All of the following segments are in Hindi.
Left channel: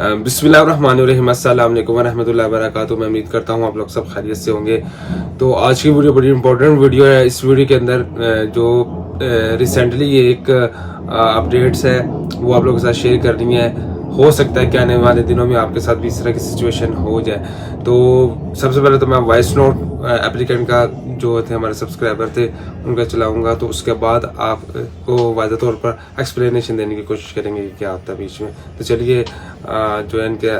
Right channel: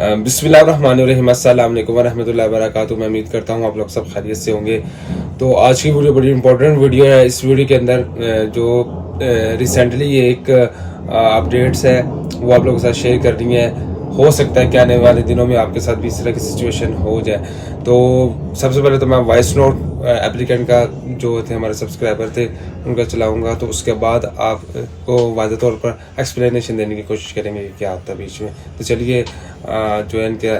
बिस्मिल्लाहिर्रहमानिर्रहीम, अस्सलाम वालेकुम वरहमतुल्लाहि वबरकातुहू। मैं उम्मीद करता हूँ आप लोग सब खैरियत से होंगे। तो आज की वीडियो बड़ी इंपॉर्टेंट वीडियो है। इस वीडियो के अंदर जो रिसेंटली ये एक अपडेट्स है वो आप लोगों के साथ शेयर करनी है। हो सकता है कि आने वाले दिनों में आपके साथ भी इस तरह की सिचुएशन हो जाए। तो सबसे पहले तो मैं वॉइस नोट एप्लीकेंट का जो थे हमारे सब्सक्राइबर थे उनका चलाऊंगा, तो उसके बाद आपको वाज़ेह तौर पर एक्सप्लेनेशन देने की कोशिश करेंगे कि क्या होता है बीच में। तो चलिए जो है इनके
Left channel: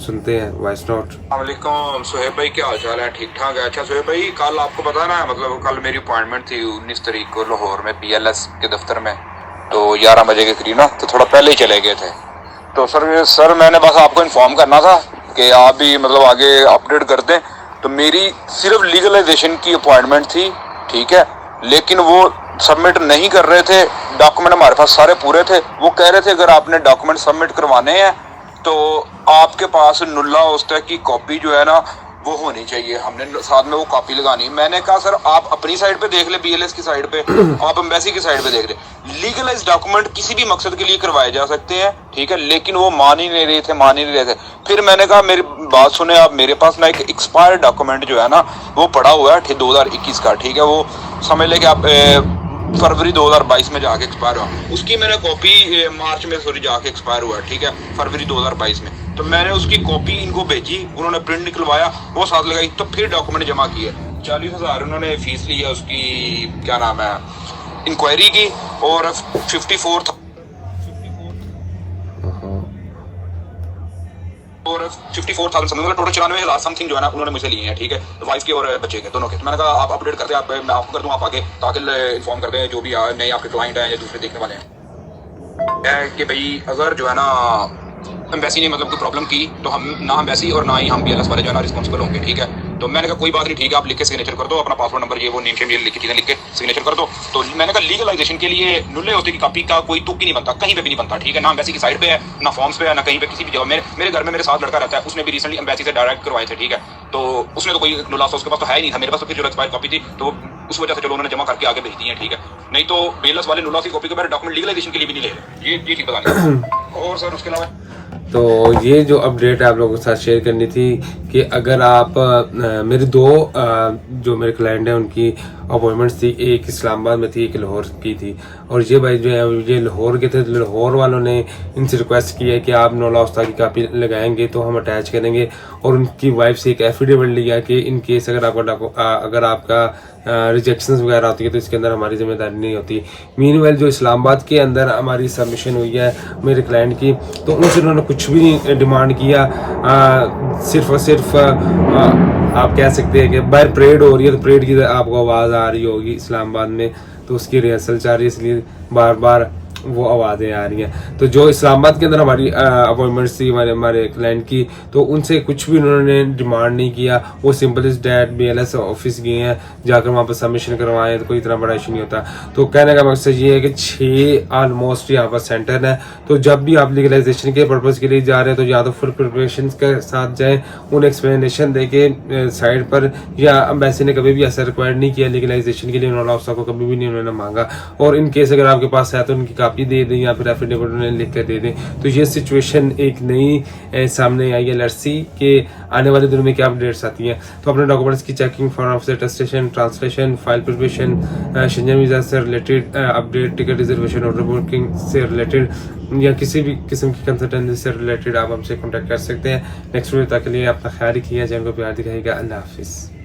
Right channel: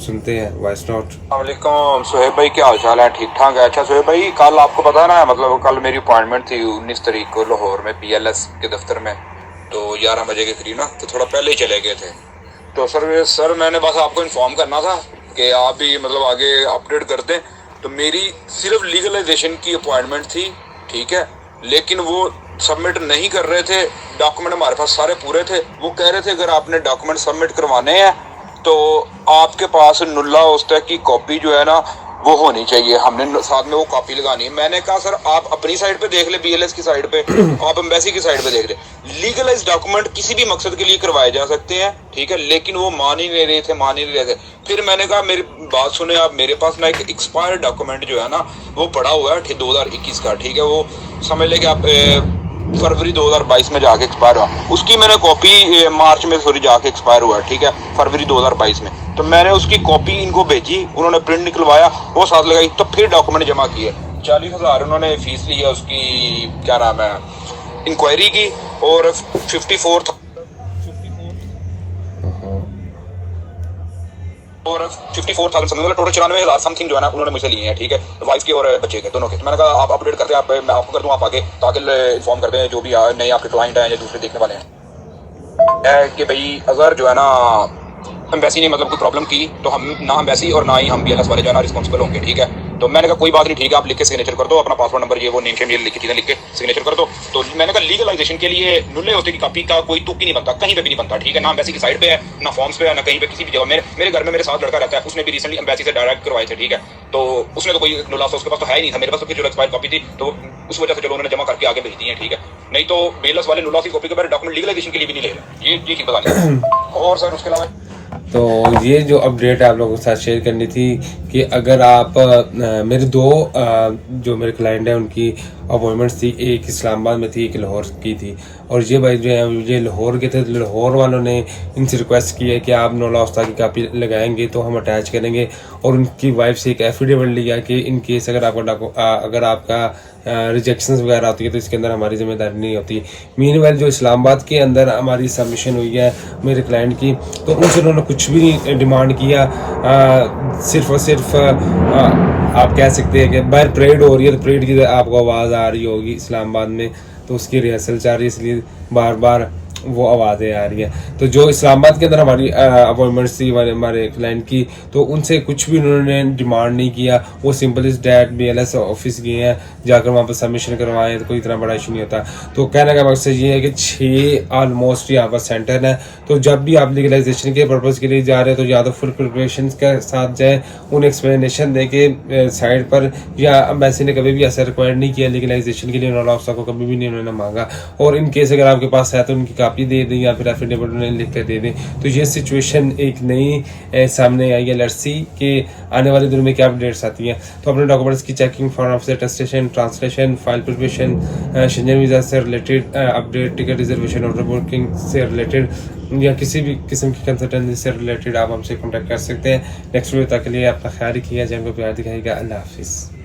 सुनते हैं वॉइस नोट। वालेकुम सुहेब भाई, क्या हाल चाल है? ठीक ठाक है। अच्छा सुहेब भाई, कल आपको पता ना, मतलब कल मेरी अपॉइंटमेंट थी 19 तारीख को लाहौर में PLS के दफ्तर में, तो 11 बजे के करीब ना, तो थोड़ा पहले ही चले गए थे। तो सर मैंने बस आपको इन्फॉर्म करना था कि आप भी मतलब आगे अपडेट कर दें। तो मेरी सिर्फ लीगलाइजेशन की अपॉइंटमेंट थी, ठीक है, लेकिन वो सबमिट नहीं कर रहे थे। डॉक्यूमेंट हमारे पास सारे पूरे थे। वो कह रहे थे अगर आपने डॉक्यूमेंट सबमिट करवाने हैं तो आपके पास नुल्ला उस्ता की कॉपी जो है ना वो होनी चाहिए, हमने साथ में वो कॉपी लगानी है। मैंने कहा सर आप अपनी साइड पे देख ले, BLS की साइड पे, आप एम्बेसी की साइड पे देख ले। लीगलाइज डॉक्यूमेंट किसी भी मकसद के लिए करवाए जा सकते हैं, ठीक है, लेकिन वो मान ही नहीं रहे थे। फिर मैंने कहा मेरी बात सुने आप, मेरे पास ना एक एक्सपायर्ड डॉक्यूमेंट जो है ना वो पड़ा हुआ है 2021 का, ठीक है, वो समझ ले कि आप फरवरी 2022 में जाके एक्सपायर हुआ। उसकी मैंने कॉपी मार्च में जाके एक्सपायर हुआ, ठीक है, फरवरी 2022 में। तो मैंने उसकी कॉपी इनको भेजी, उन्होंने प्रिंट निकलवाया, वो साथ लगाई, तो फिर डॉक्यूमेंट जमा किए। 40,000 उन्होंने फीस ली है उसकी, क्या नाम है, इंक्वायरी की, और 54,000 समथिंग, मतलब टोटल 94,000 समथिंग जो है ना उन्होंने मुझसे लिए हैं, ठीक है, वाइफ के और बच्चे के दोनों के। तो मैंने कहा आप अपडेट करते हैं, मैं आपको कर दूं, आप आगे ताकि इन्फॉर्म करते हैं जो भी नए आपके क्लाइंट हैं या दूसरे देखने वाले हैं कि भाई अगर जो है ना एम्बेसी ने मतलब कोई प्रॉब्लम की तो हम ना एम्बेसी और ना ही हम BLS वाले जो है ना रिस्पॉन्सिबल होंगे, ठीक है। तो मैंने कहा कोई बात नहीं, ठीक है, आप लिख के सिग्नेचर कर दो, अपना पासवर्ड नंबर ये वो नेम शेम ये लिख के चीजें लिख के सिग्नेचर कर दो। तो मैंने कहा लीगलाइजेशन के लिए नुल्ले होते की कॉपी का कोई तुक ही नहीं बनता, कहीं पे भी नहीं बनता, ठीक है, ना एम्बेसी की साइड पे है, ना फॉर्म्स पे है, ना कहीं पे किसी भी जगह। मेरे घर में मेरे साथ लड़का रहता है, उसने भी रिसेंटली एम्बेसी से डायरेक्ट करवाए थे, ठीक है। तो उसने तो कोई नुल्ला उसके पास तो है ही नहीं था, मेरे पास तो फिर जो एक्सपायर कॉपी थी, तो उस वजह से चलो उन्होंने जमा करके आगे भेज दी है, ठीक है। नहीं तो BLS वाले नुल्ला की कॉपी के बारे डॉक्यूमेंट लीगलाइजेशन के लिए भी नहीं ले रहे, ये चीज बता दें। और सर उसके अलावा तो ये जो अपडेट आप लोगों के साथ शेयर करनी थी कि अगर आप मेरे दो जो मेरे क्लाइंट हैं उनकी अपॉइंटमेंट्स थी, एक इस्लामाबाद में थी, एक लाहौर की थी। और ये भाई जो है ये लाहौर के थे, लाहौर वालों ने इनसे रिक्वेस्ट की है कि आप नुल्ला उस्ता की कॉपी लगाएंगे तो हम अटैच करेंगे, और उनकी वाइफ से एक एफिडेविट लिया कि इन केस अगर आपका रिजेक्शन वगैरह होती है तो इसके अंदर हमारी जिम्मेदारी नहीं होती। मीनवाइल जो इस्लामाबाद के अंदर हमारी सबमिशन हुई है मेरे क्लाइंट की, तो उनसे उन्होंने कुछ भी नहीं डिमांड किया, सिर्फ और सिर्फ आप कह सकते हैं कि बाहर परेड हो रही है तो परेड की आपको आवाज़ आ रही होगी इस्लामाबाद में, तो उसकी रिहर्सल चल रही है, इसलिए बार बार वो आवाज़ें आ रही हैं। तो जो इस्लामाबाद के अंदर हमारी अपॉइंटमेंट्स थी हमारे क्लाइंट की, तो उनसे कुछ भी उन्होंने डिमांड नहीं किया। वो simple is that BLS office गए हैं, जाकर वहाँ पर सबमिशन करवाएं, तो कोई इतना बड़ा इशू नहीं होता। तो कहने का मकसद ये है कि 6 ऑलमोस्ट यहाँ पर सेंटर है, तो जब भी आप लीगलाइजेशन के पर्पज के लिए जा रहे हैं तो या तो फुल प्रिपरेशन के साथ जाए, उन्हें एक्सप्लेनेशन दे के साइड पर, या एम्बेसी ने कभी भी ऐसा रिक्वायर्ड नहीं किया लीगलाइजेशन के लिए, नुल्ला उस्ता को कभी भी नहीं उन्होंने मांगा। और इन केस अगर आपके पास है तो उनकी कॉपी दे दें या फिर एफिडेविट उन्हें लिख कर दे दें। तो ये सिचुएशन एक नई सामने आई है। लेट्स सी कि आने वाले दिनों में क्या अपडेट्स आती हैं। तो अपने डॉक्यूमेंट्स की checking, form of attestation, translation, file preparation, Schengen visa से related update, ticket reservation, order booking से रिलेटेड या किसी भी किस्म की कंसल्टेंसी से रिलेटेड आप हमसे कॉन्टैक्ट कर सकते हैं। नेक्स्ट वीडियो तक के लिए अपना ख्याल रखिएगा, चैनल को प्यार दिखाइएगा। अल्लाह हाफिज़।